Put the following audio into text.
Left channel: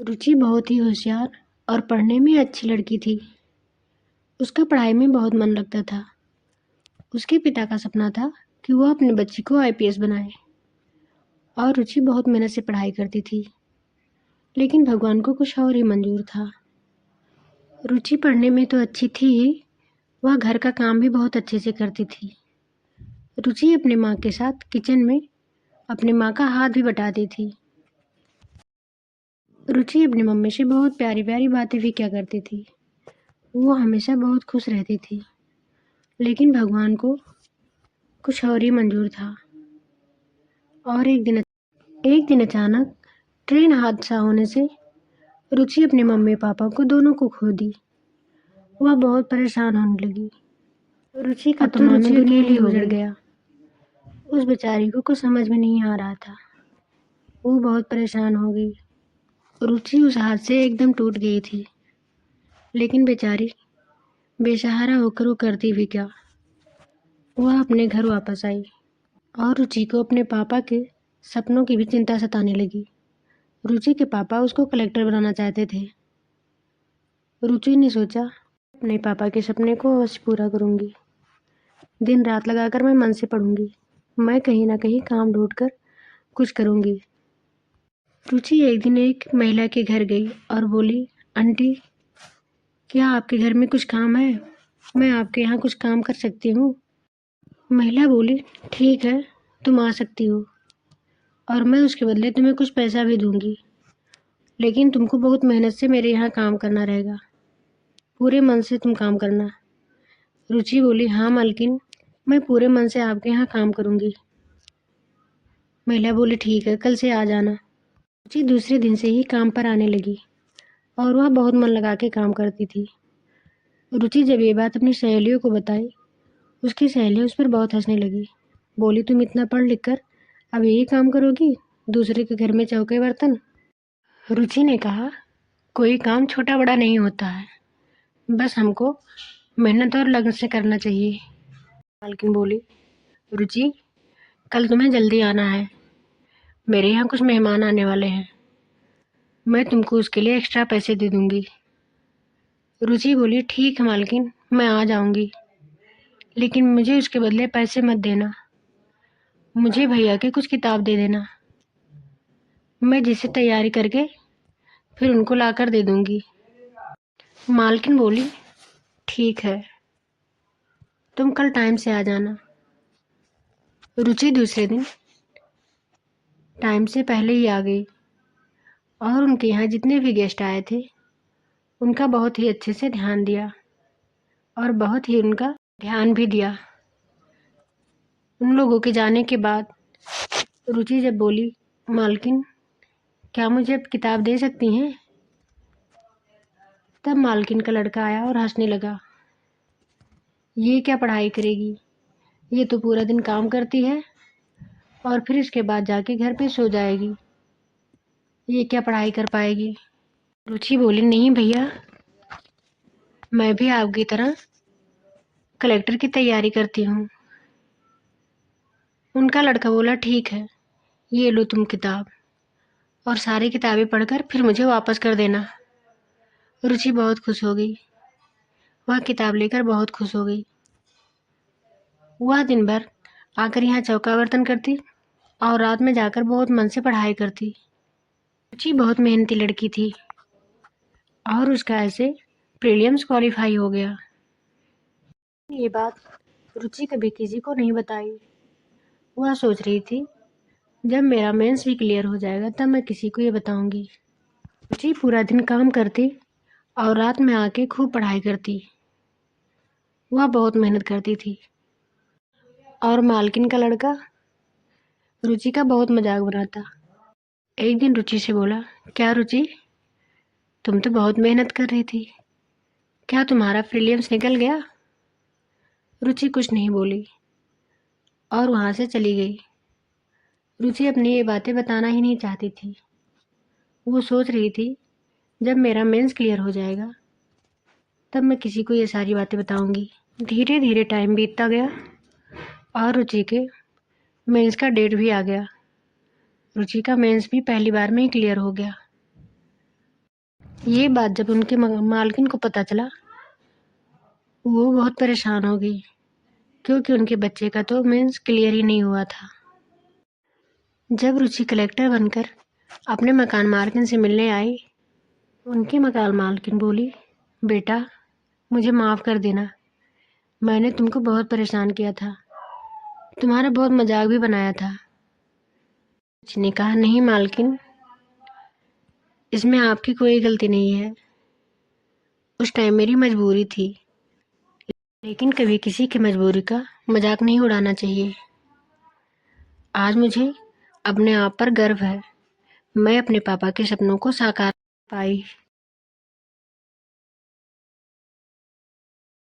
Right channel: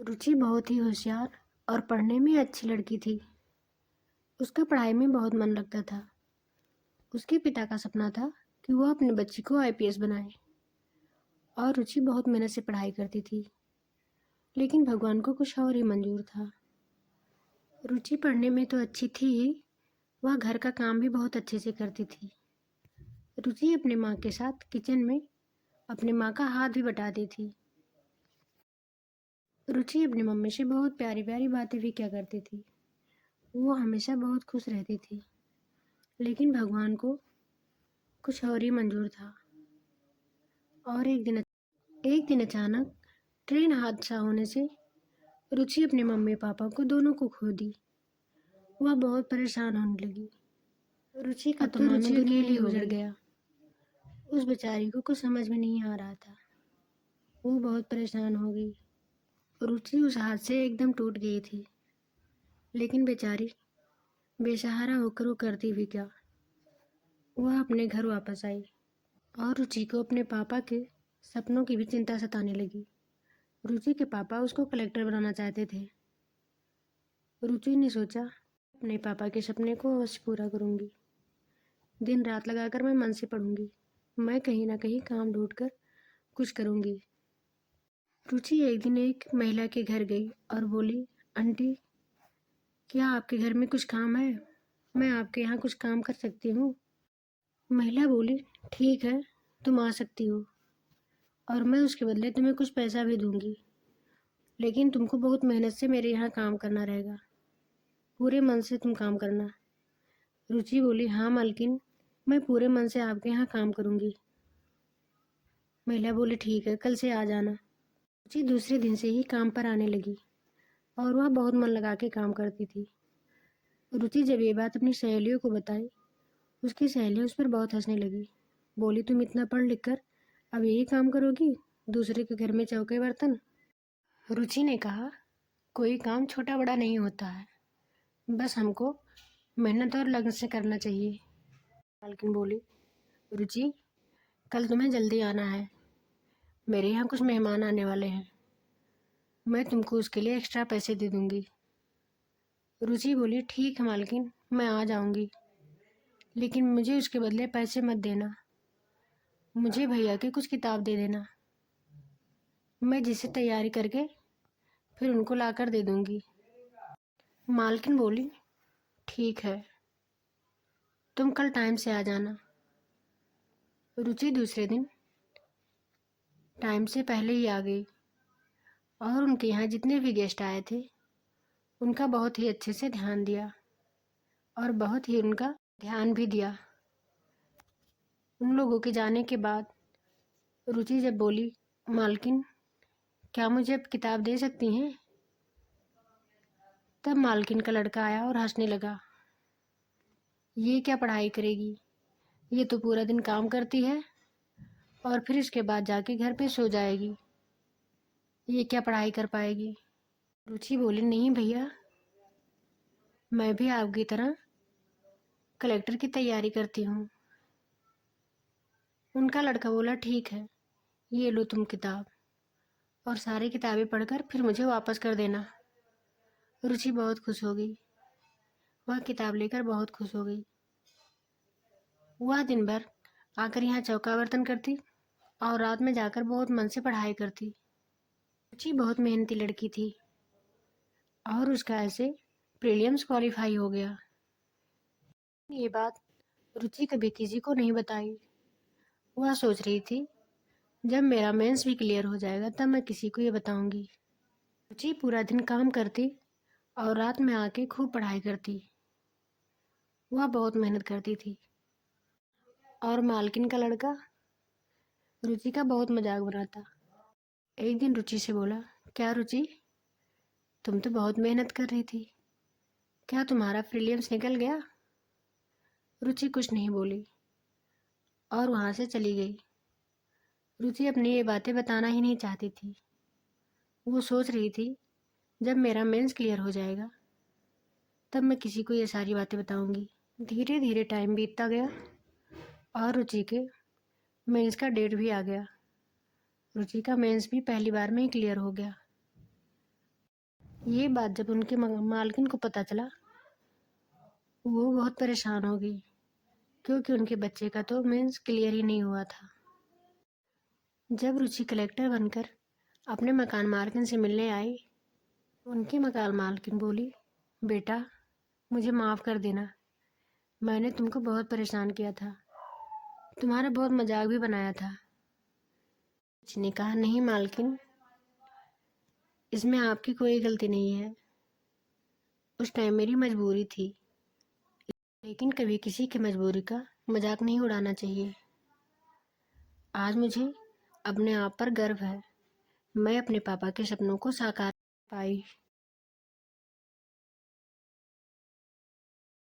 रुचि बहुत ही होशियार और पढ़ने में अच्छी लड़की थी। उसका पढ़ाई में बहुत मन लगता था। उसके पिता का सपना था कि वो अपने बच्ची को आईपीएस बनाए और रुचि बहुत मेहनत से पढ़ाई करती थी। लेकिन भगवान को कुछ और ही मंजूर था। रुचि पढ़ने में तो अच्छी थी ही, वह घर का काम भी बहुत अच्छे से करती थी। रुचि अपने माँ के साथ किचन में अपनी माँ का हाथ भी बटाती थी। रुचि अपनी मम्मी से बहुत प्यारी प्यारी बातें भी क्या करती थी। वो हमेशा बहुत खुश रहती थी। लेकिन भगवान को कुछ और ही मंजूर था। और एक दिन अचानक ट्रेन हादसा होने से रुचि अपने मम्मी पापा को दोनों को खो दी। वह बहुत परेशान होने लगी। रुचि का तो मानो दुनिया ही उजड़ गया। उस बेचारी को कुछ समझ में नहीं आ रहा था। वो बहुत परेशान हो गई। रुचि उस हाथ से एकदम टूट गई थी। लेकिन बेचारी बेसहारा होकर वो करती भी क्या। वह अपने घर वापस आई और रुचि को अपने पापा के सपनों की भी चिंता सताने लगी। रुचि के पापा उसको कलेक्टर बनाना चाहते थे। रुचि ने सोचा अपने पापा के सपने को अवश्य पूरा करूंगी। दिन रात लगाकर मैं मन से पढ़ूंगी। मैं कहीं ना कहीं काम ढूंढकर कुछ करूंगी। रुचि एक दिन एक महिला के घर गई और बोली, आंटी, क्या आपके घर में कुछ काम है? मैं आपके यहाँ कुछ काम कर सकती हूँ। महिला बोली, ठीक है, तुम आ सकती हो और मैं उसके बदले तुम्हें कुछ पैसा भी दूंगी। लेकिन तुमको बहुत मेहनत से मेरे यहाँ काम करना रहेगा। पूरे मन से तुम काम करना। रुचि बोली, हाँ मालकिन, मैं पूरे मन से आपके यहाँ काम करूँगी। महिला बोली, ठीक है, कल से आ जाना। रुचि दूसरे दिन से ही काम पर आने लगी और वह बहुत मन लगा के काम करती थी। रुचि जब ये बात अपनी सहेलियों को बताई, उसकी सहेलियाँ उस पर बहुत हंसने लगी। बोली, तुम इतना पढ़ लिख कर अब यही काम करोगी, दूसरे के घर में चौके बर्तन? रुचि ने कहा, कोई काम छोटा बड़ा नहीं होता है, बस हमको मेहनत और लगन से करना चाहिए। मालकिन बोली, रुचि, कल तुम्हें जल्दी आना है। मेरे यहाँ कुछ मेहमान आने वाले हैं। मैं तुमको उसके लिए एक्स्ट्रा पैसे दे दूंगी। रुचि बोली, ठीक है मालकिन, मैं आ जाऊंगी, लेकिन मुझे उसके बदले पैसे मत देना। मुझे भैया के कुछ किताब दे देना, मैं जिसे तैयारी करके फिर उनको लाकर दे दूंगी। मालकिन बोली, ठीक है, तुम कल टाइम से आ जाना। रुचि दूसरे दिन टाइम से पहले ही आ गई और उनके यहाँ जितने भी गेस्ट आए थे उनका बहुत ही अच्छे से ध्यान दिया और बहुत ही उनका ध्यान भी दिया। उन लोगों के जाने के बाद रुचि जब बोली, मालकिन, क्या मुझे अब किताब दे सकती हैं? तब मालकिन का लड़का आया और हंसने लगा, ये क्या पढ़ाई करेगी, ये तो पूरा दिन काम करती है और फिर इसके बाद जाके घर पे सो जाएगी, ये क्या पढ़ाई कर पाएगी। रुचि बोली, नहीं भैया, मैं भी आपकी तरह कलेक्टर की तैयारी करती हूँ। उनका लड़का बोला, ठीक है, ये लो तुम किताब और सारी किताबें पढ़कर फिर मुझे वापस कर देना। रुचि बहुत खुश हो गई। वह किताब लेकर बहुत खुश हो गई। वह दिन भर आकर यहाँ चौका बर्तन करती और रात में जाकर बहुत मन से पढ़ाई करती। रुचि बहुत मेहनती लड़की थी और उसका ऐसे प्रीलिम्स क्वालिफाई हो गया। ये बात रुचि कभी किसी को नहीं बताई। वह सोच रही थी, जब मेरा मेंस भी क्लियर हो जाएगा तब मैं किसी को ये बताऊंगी। रुचि पूरा दिन काम करती और रात में आके खूब पढ़ाई करती। वह बहुत मेहनत करती थी और मालकिन का लड़का रुचि का बहुत मजाक बनाता। एक दिन रुचि से बोला, क्या रुचि, तुम तो बहुत मेहनत कर रही थी, क्या तुम्हारा प्रीलिम्स निकल गया? रुचि कुछ नहीं बोली और वहाँ से चली गई। रुचि अपनी ये बातें बताना ही नहीं चाहती थी। वो सोच रही थी, जब मेरा मेंस क्लियर हो जाएगा तब मैं किसी को ये सारी बातें बताऊंगी। धीरे धीरे टाइम बीतता गया और रुचि के मेंस का डेट भी आ गया। रुचि का मेंस भी पहली बार में ही क्लियर हो गया। ये बात जब उनके मालकिन को पता चला, वो बहुत परेशान हो गई, क्योंकि उनके बच्चे का तो मेंस क्लियर ही नहीं हुआ था। जब रुचि कलेक्टर बनकर अपने मकान मालकिन से मिलने आई, उनकी मकान मालकिन बोली, बेटा मुझे माफ़ कर देना, मैंने तुमको बहुत परेशान किया था, तुम्हारा बहुत मजाक भी बनाया था। रुचि ने कहा, नहीं मालकिन, इसमें आपकी कोई गलती नहीं है, उस टाइम मेरी मजबूरी थी, लेकिन कभी किसी की मजबूरी का मजाक नहीं उड़ाना चाहिए। आज मुझे अपने आप पर गर्व है, मैं अपने पापा के सपनों को साकार पाई।